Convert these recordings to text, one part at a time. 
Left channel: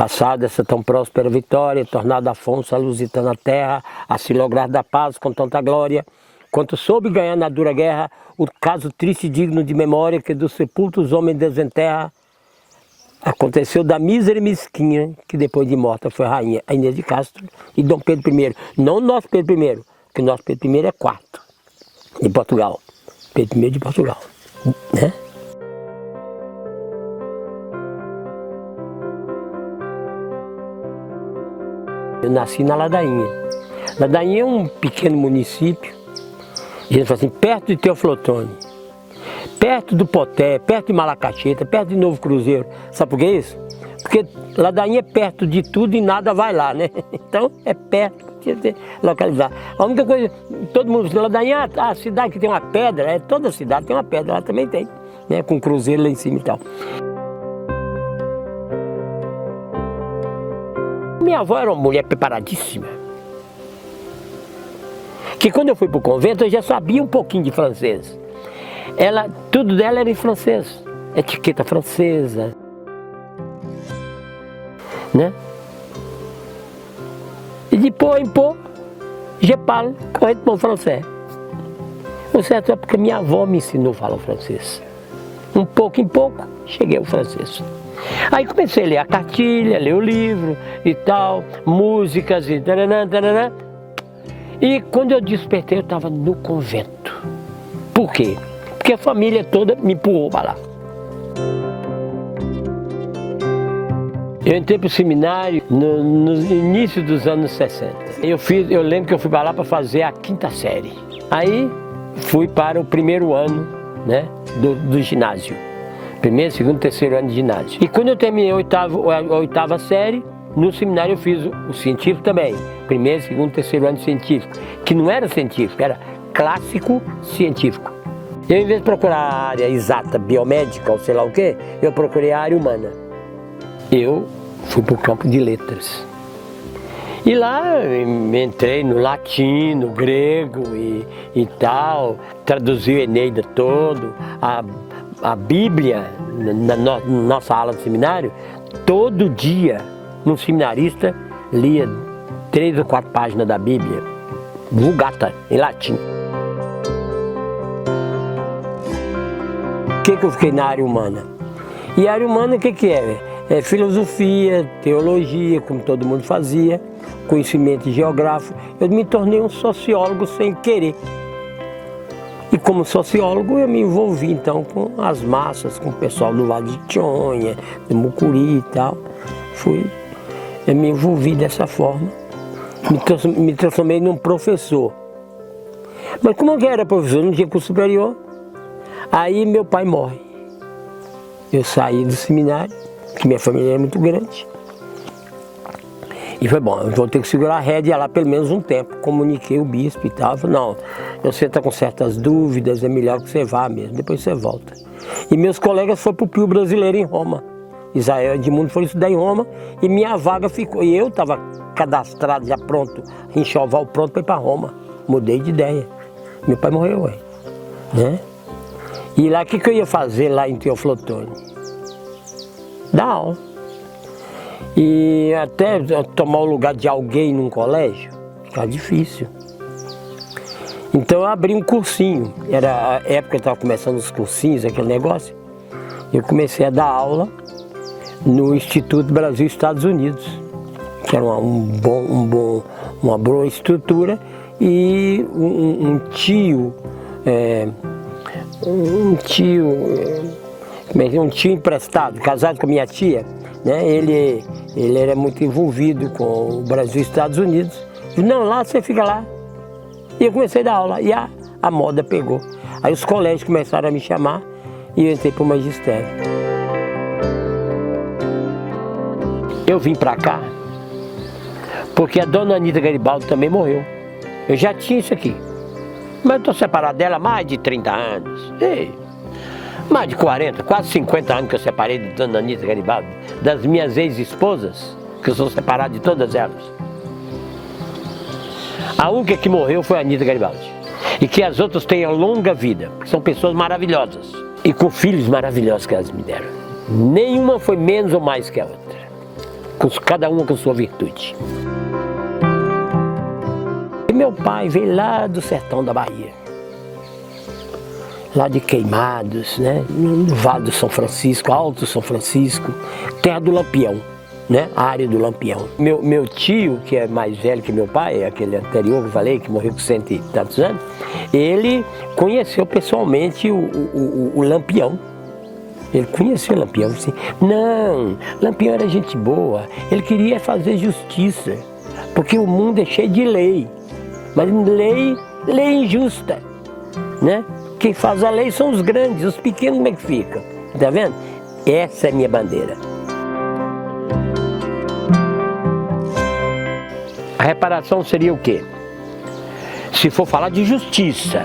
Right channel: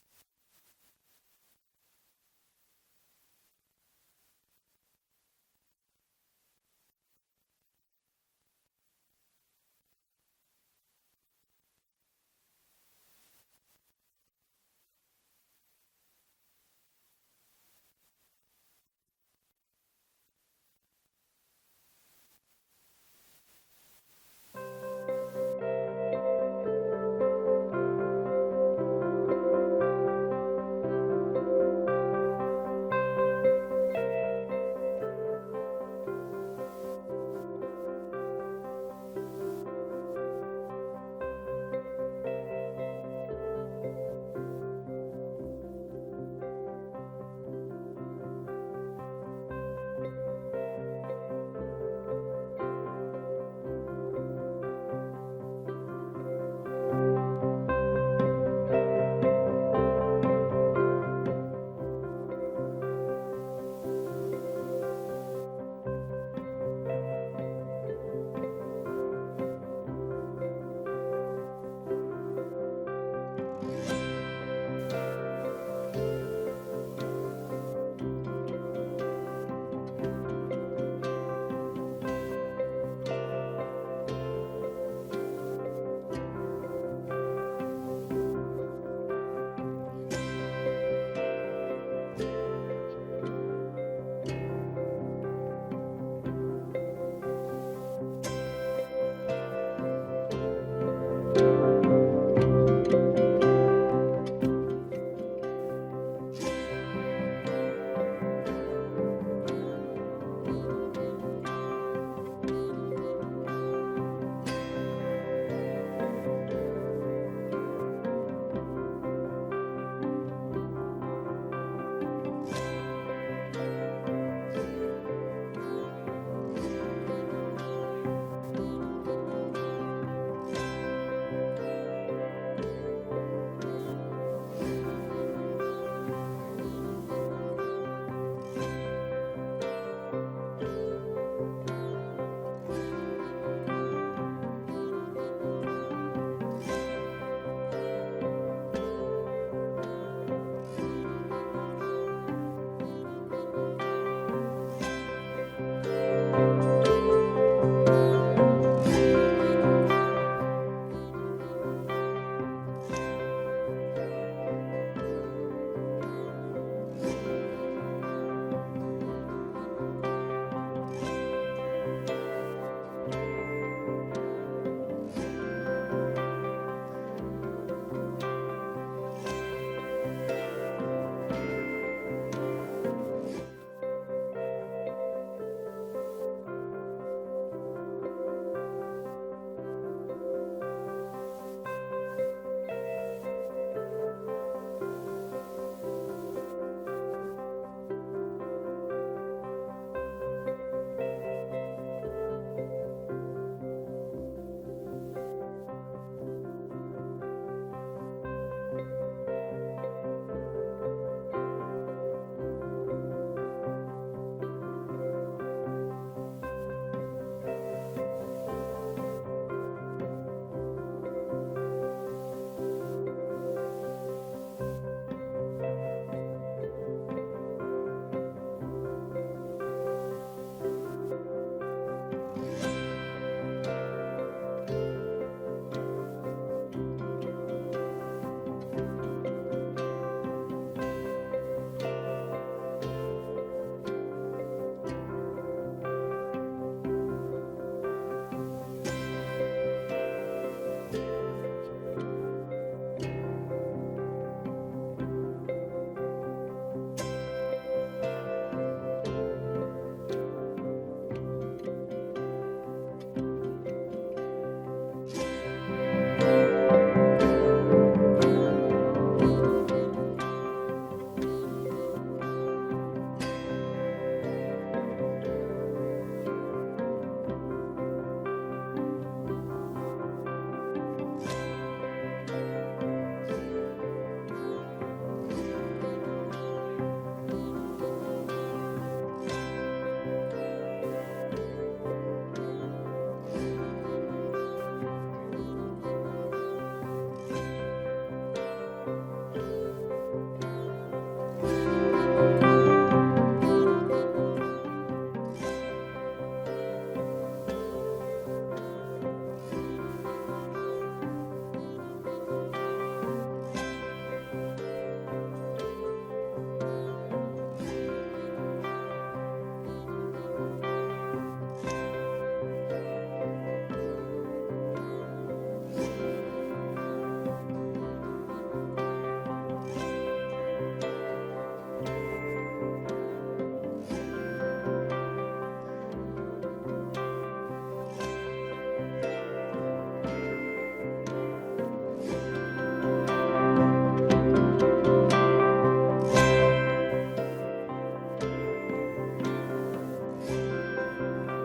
Passada essa tão próspera vitória, tornado Afonso a lusitana terra, a se lograr da paz com tanta glória, quanto soube ganhar na dura guerra, o caso triste e digno de memória, que dos sepultos homem desenterra, aconteceu da mísera e mesquinha, que depois de morta foi rainha, a Inês de Castro e Dom Pedro I. Não o nosso Pedro I, porque o nosso Pedro I é quarto, de Portugal. Pedro I de Portugal, né? Eu nasci na Ladainha. Ladainha é um pequeno município, a gente fala assim, perto de Teoflotone, perto do Poté, perto de Malacacheta, perto de Novo Cruzeiro. Sabe por que isso? Porque Ladainha é perto de tudo e nada vai lá, né? Então é perto, tinha que ser localizado. A única coisa, todo mundo diz, Ladainha, a cidade que tem uma pedra, toda cidade tem uma pedra, ela também tem, né? Com cruzeiro lá em cima e tal. Minha avó era uma mulher preparadíssima, que quando eu fui para o convento eu já sabia um pouquinho de francês. Tudo dela era em francês, etiqueta francesa, né? E depois, je parle correctement français. O certo é porque minha avó me ensinou a falar francês. Um pouco em pouco, cheguei ao francês. Aí comecei a ler a cartilha, ler o livro e tal, músicas e taranã, taranã. E quando eu despertei, eu estava no convento. Por quê? Porque a família toda me empurrou para lá. Eu entrei para o seminário no início dos anos 60. Eu lembro que eu fui para lá para fazer a 5ª série. Aí fui para o primeiro ano, né, do ginásio. Primeiro, segundo, terceiro ano de ginásio. E quando eu terminei a 8ª série, no seminário eu fiz o científico também. Primeiro, segundo, terceiro ano de científico. Que não era científico, era clássico científico. Eu, em vez de procurar a área exata, biomédica ou sei lá o quê, eu procurei a área humana. Eu fui para o campo de letras. E lá entrei no latim, no grego e tal, traduzi o Eneida todo, a Bíblia, na nossa aula de seminário, todo dia, um seminarista lia 3 ou 4 páginas da Bíblia, Vulgata, em latim. Por que eu fiquei na área humana? E a área humana o que é? É filosofia, teologia, como todo mundo fazia, conhecimento geográfico. Eu me tornei um sociólogo sem querer. E como sociólogo eu me envolvi então com as massas, com o pessoal do Vale de Tionha, do Mucuri e tal. Eu me envolvi dessa forma, me transformei num professor. Mas como eu era professor, não tinha curso superior, aí meu pai morre. Eu saí do seminário, porque minha família é muito grande. E foi bom, eu vou ter que segurar a rédea lá pelo menos um tempo. Comuniquei o bispo e tal, falei, não, você está com certas dúvidas, é melhor que você vá mesmo, depois você volta. E meus colegas foram para o Pio Brasileiro em Roma. Israel Edmundo foi estudar em Roma e minha vaga ficou. E eu estava cadastrado, já pronto, enxoval pronto para ir para Roma. Mudei de ideia. Meu pai morreu, né? E lá, o que eu ia fazer lá em Teoflotone? Dar aula. E até tomar o lugar de alguém num colégio, ficava difícil. Então eu abri um cursinho, era a época que eu estava começando os cursinhos, aquele negócio. Eu comecei a dar aula no Instituto Brasil-Estados Unidos, que era uma boa estrutura, e um tio emprestado, casado com a minha tia, né? Ele era muito envolvido com o Brasil e Estados Unidos. Disse, não, lá você fica lá. E eu comecei a dar aula e a moda pegou. Aí os colégios começaram a me chamar e eu entrei para o magistério. Eu vim para cá porque a dona Anita Garibaldi também morreu. Eu já tinha isso aqui. Mas eu estou separado dela há mais de 30 anos. Ei, mais de 40, quase 50 anos que eu separei de dona Anita Garibaldi, das minhas ex-esposas, que eu sou separado de todas elas. A única que morreu foi a Anita Garibaldi. E que as outras tenham longa vida, porque são pessoas maravilhosas. E com filhos maravilhosos que elas me deram. Nenhuma foi menos ou mais que a outra. cada uma com sua virtude. E meu pai veio lá do sertão da Bahia, lá de Queimados, né? No Vale do São Francisco, Alto São Francisco, terra do Lampião, né? A área do Lampião. Meu tio, que é mais velho que meu pai, aquele anterior que eu falei, que morreu com 100 e tantos anos, ele conheceu pessoalmente o Lampião. Ele conheceu o Lampião, assim, não, Lampião era gente boa, ele queria fazer justiça, porque o mundo é cheio de lei, mas lei injusta, né? Quem faz a lei são os grandes, os pequenos como é que ficam, tá vendo? Essa é a minha bandeira. A reparação seria o quê? Se for falar de justiça,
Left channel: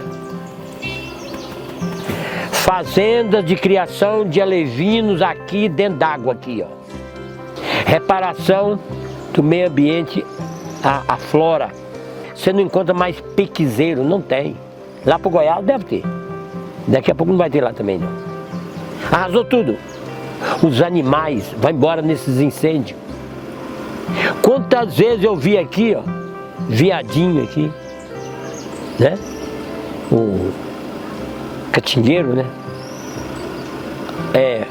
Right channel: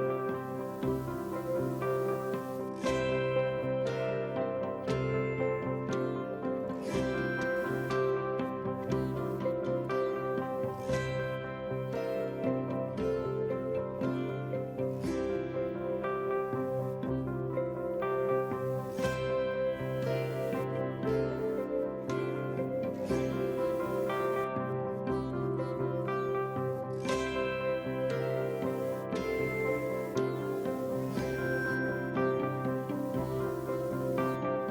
fazendas de criação de alevinos aqui dentro d'água, aqui, ó. Reparação do meio ambiente, a flora. Você não encontra mais pequizeiro, não tem. Lá pro Goiás deve ter. Daqui a pouco não vai ter lá também, não. Arrasou tudo. Os animais vão embora nesses incêndios. Quantas vezes eu vi aqui, ó, viadinho aqui, né? O catingueiro, né?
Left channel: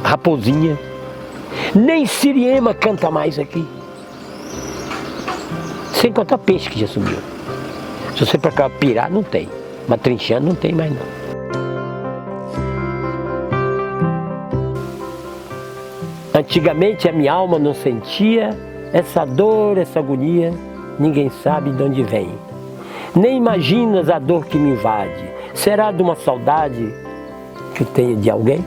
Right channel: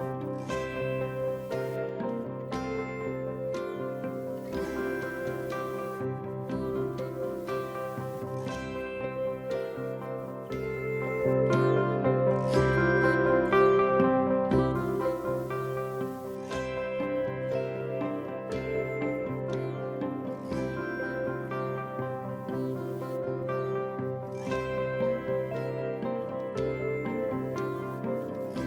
Raposinha. Nem siriema canta mais aqui. Sem contar peixe que já sumiu. Se você procurar pirar, não tem. Mas trinchando não tem mais não. Antigamente a minha alma não sentia essa dor, essa agonia. Ninguém sabe de onde vem. Nem imaginas a dor que me invade. Será de uma saudade que tenho de alguém?